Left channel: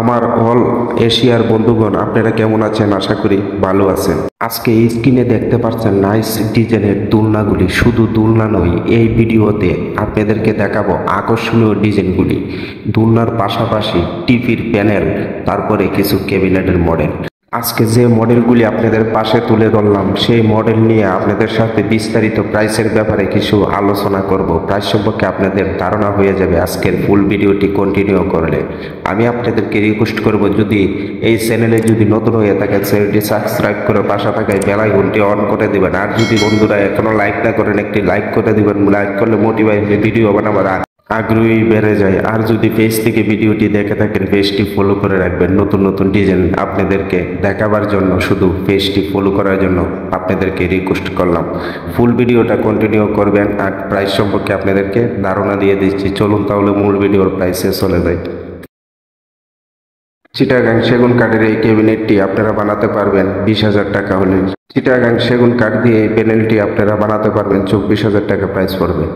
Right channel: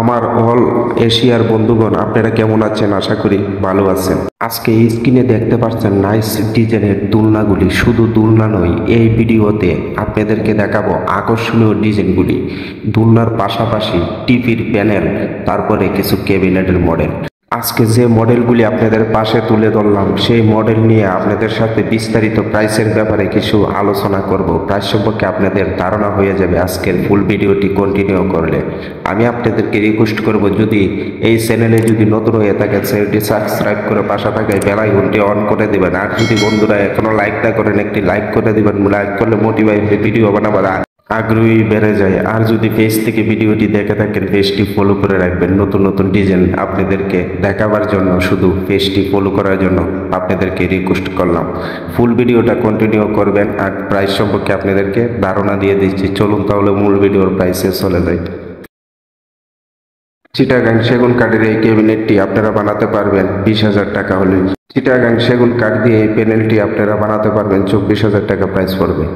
আমার অল এশিয়ার বন্ধুগণ, আপনারা কেমন আছেন? আশা করি ভালো আছেন। আজকে এই স্ক্রিনে দেখতে পাচ্ছেন নাইস ডিজাইনের দোলনাগুলি। শুধু দোলনা নয়, এই ভিডিওতে আপনাদেরকে দেখাবো আকর্ষণীয় ডিজাইনগুলি। দোলনার পাশাপাশি টিভির প্যানেল, তারপরে কিছু ক্যাবিনেটের মডেল। আজকে যে মডেলগুলি আপনাদের পাশে তুলে ধরলাম, সেই মডেল নিয়ে আপনাদের সাথে বিস্তারিত প্রাইসের ব্যাপারে কিছু আলোচনা করব। প্রাইস সম্পর্কে আপনাদের ধারণা হয়ে যাবে আজকের ফুল ভিডিওটি কন্টিনিউ করলে। আমি আপনাদেরকে রিকোয়েস্ট করব, যদি এই চ্যানেলে যদি নতুন হয়ে থাকে চ্যানেলটি সাবস্ক্রাইব করে পাশে থাকা বেল আইকনটি অন করে দেবেন। আর যদি বন্ধুরা এখনো লাইক না করেন, একটি লাইক করে দিবেন। লাইক করলে মোটিভেট ভিডিও বানাবার আগ্রহী বেড়ে যায়। আর যদি পেজ থেকে ভিডিওটি দেখে থাকেন, পেজটি ফলো করে রাখবেন। নতুন নতুন ডিজাইন আপনাদেরকে দেখাবার জন্য, শুধু পেজটি ফলো করার জন্য আপনাদেরকে রিকোয়েস্ট করলাম। ফুল ভিডিওটা কন্টিনিউ করবেন। আর প্রাইস সম্পর্কে আপনাদেরকে ধারণা দিয়ে দিচ্ছি। চলুন তাহলে মূল ভিডিওর প্রাইসে চলে যাই। চিটাগাং সেগুন কাঠের এই ক্যাবিনেটটি আপনারা বানাতে পারবেন 20,000 টাকা হলে। চিটাগাং সেগুন কাঠ দিয়ে এই প্যানেলটি আপনারা বানাতে পারবেন 24,000 টাকা প্রাইস পড়বে।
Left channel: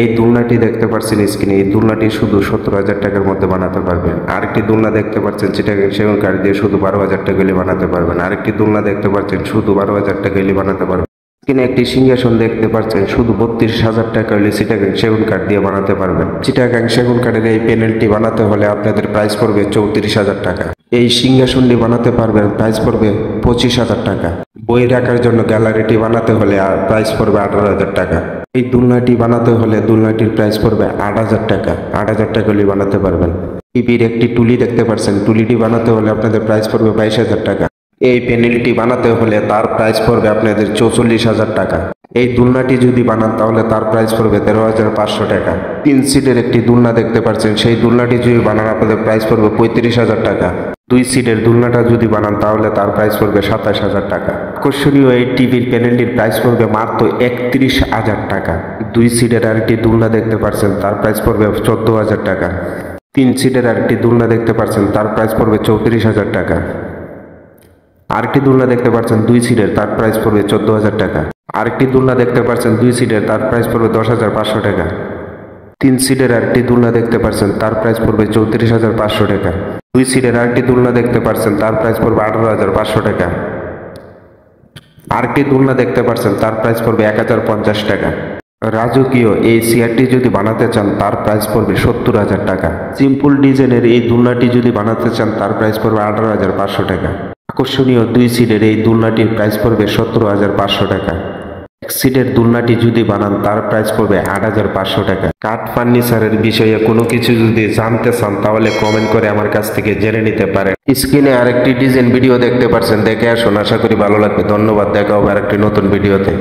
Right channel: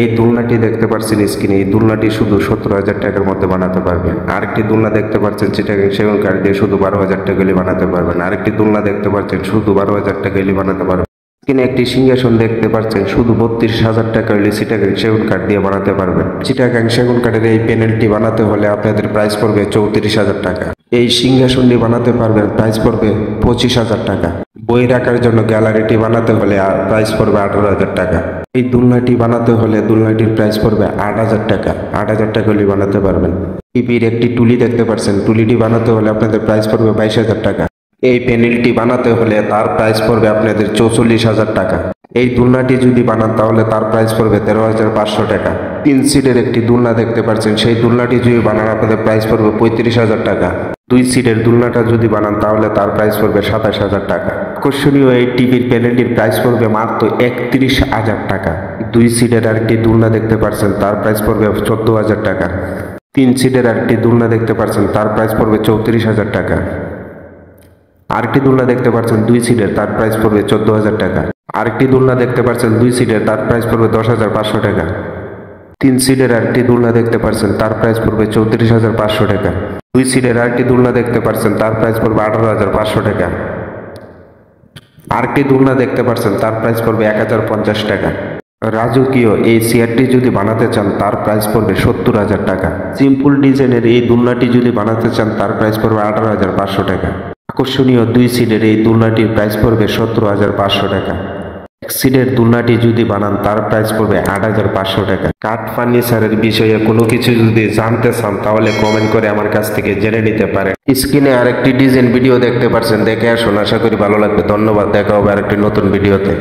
এই দোলনাটি দেখতে পাচ্ছেন স্ক্রিনে, এই দোলনাটি শুধু 17,000 টাকার মধ্যে বানাতে পারবেন। আরেকটি দোলনা দেখতে পাচ্ছেন চিটাগাং সেগুন কাঠ দিয়ে শুধু 12,000 টাকা হলে বানাতে পারবেন। আরেকটি দোলনা দেখতে পাচ্ছেন শুধু 12,000 টাকা হলে বানাতে পারবেন। স্ক্রিনে একটি সিংহাসন দেখতে পাচ্ছেন শুধু 32,000 টাকা হলে চিটাগাং সেগুন কাঠ দিয়ে বানাতে পারবেন। চিটাগাং সেগুন কাঠের এই প্যানেলটি বানাতে হলে আপনাদের প্রাইস পড়বে 34,000 টাকা। এই সিংহাসনটি বানাতে পারবেন, প্রাইস পড়বে 25,000 টাকা। বই রাখার জন্য গ্যালারিটি বানাতে হলে প্রাইস পড়বে 18,000 টাকা। এই দোলনাটি বানাতে হলে দোলনাটির প্রাইস পড়বে 8,000 টাকা। 8,000 টাকা হলে বানাতে পারবেন। টিভির একটি টুলি দেখতে পাচ্ছেন, টুলিটি বানাতে হলে আপনাদের প্রাইস পড়বে 22,000 টাকা। এই প্যানেলটি বানাতে হলে তার প্রাইস পড়বে আপনাদের 44,000 টাকা। এই দোলনাটি যদি বানান তাহলে তার প্রাইস পড়বে 13,500 টাকা। 3 সিটের একটি দোলনা দেখতে পাচ্ছেন, সেই দোলনাটি যদি বানান আপনাদের প্রাইস পড়বে 35,000 টাকা। 2 সিটের দোলনাটা যদি বানান তাহলে তার প্রাইস পড়বে 27,000 টাকা। আকর্ষণীয় এই টিভির প্যানেলটির প্রাইস পড়বে মাত্র 31,000 টাকা। 2 সিটের আরেকটি দোলনা দেখতে পাচ্ছেন, তার প্রাইস পড়বে 14,000 টাকা। 3 সিটের আরেকটি দোলনা দেখতে পাচ্ছেন, তার প্রাইস পড়বে 34,000 টাকা। আরেকটি দোলনা দেখতে পাচ্ছেন 2 সিটের, তার প্রাইস পড়বে 14,000 টাকা। আরেকটি দোলনা দেখতে পাচ্ছেন 2 সিটের, তার প্রাইস পড়বে 10,500 টাকা। 3 সিটের আরেকটি দোলনা দেখতে পাচ্ছেন, তার প্রাইস পড়বে 34,500 টাকা। 2 সিটের আরেকটি দোলনা দেখতে পাচ্ছেন, তার প্রাইস পড়বে 18,500 টাকা। আরেকটি দোলনা দেখতে পাচ্ছেন, তার প্রাইস পড়বে 1,050 টাকা। রাজকীয় এই চেয়ারটি যদি বানাতে চান, তার প্রাইস পড়বে 70,000 টাকা। সিম্পল ডিজাইনের এই দোলনাটি যদি বানাতে চান, তার প্রাইস পড়বে 18,500 টাকা। আকর্ষণীয় 2 সিটের এই দোলনাটির প্রাইস পড়বে 17,500 টাকা। 1 সিটের দোলনাটি যদি বানান তার প্রাইস পড়বে 8,500 টাকা। কাঠ ফার্নিচারের বিষয়ে কোনো কিছু যদি জানতে চান তাহলে কমেন্ট করে আমার কাছ থেকে জেনে নিতে পারেন। স্ক্রিনে আরেকটি ডিজাইন ভিডিও দেখতে পাচ্ছেন, দেখে আসুন। আশা করি ভালো লাগবে। ধন্যবাদ। দেখা হবে আরেকটি নতুন ভিডিওতে।